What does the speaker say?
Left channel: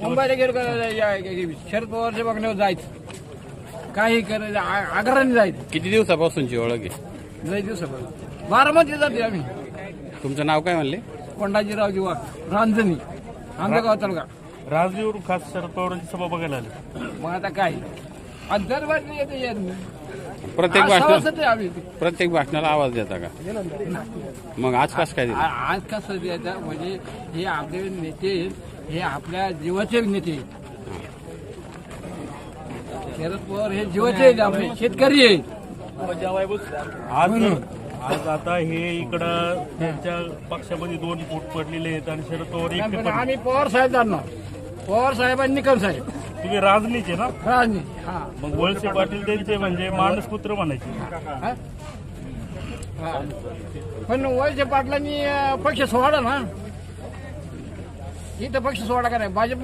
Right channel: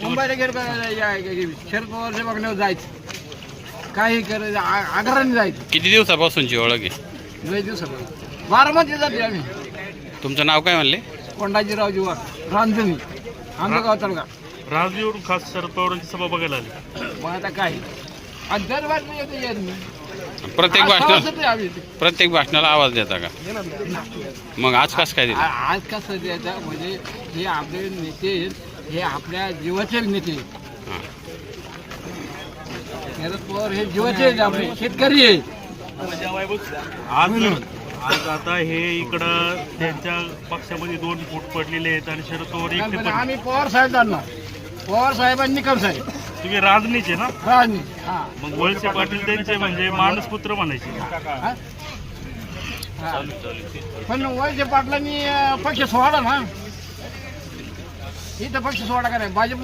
मुंबईला गेलो का शरद पवारच्या बघण्यावर जायचं, काही करायचं, आग्रहाने जायचं. किती दिवसापासूनची ओळख आहे? लय दिवसापासून बारामती जाते आम्ही. तुमचं नाव काय म्हणले? कोंडाजीराव जीवा रांजणी, आमचं गाव तळगा. राजवीरून खास शरद पवारांची सभा बघायला आली. मग आता काय आणि दरबारला येते यार मी. प्रत्येक आज भाषणाला सभासद आहे आम्ही. प्रत्येक भाषणाला आवाज देता का? मग आज कसं काय दिलं? आज कसं द्यायचं म्हणजे हे आपले नेते, हे आपल्या जीवाचे नेते. हां. शरद पवार हे जीवाचे आहेत, आपले शेतकरी आहे. आज आता हे इकडं त्यांच्या पक्षामध्ये 2 फूट पडलेले आहेत आणि शरद पवार एकटे पण पडले. आम्ही पवार साहेब जाणणार, पवार साहेबांनी निकम साहेब तुम्ही राजनीचे ना, राजनीती. हा मग वळसे पाटील त्यांचे म्हणजे मानसपुत्र म्हणायचे. हा? हा. पण वळसे पाटलांनी पक्ष सोडा ना, इथं पक्ष सोडा का नाही भाजप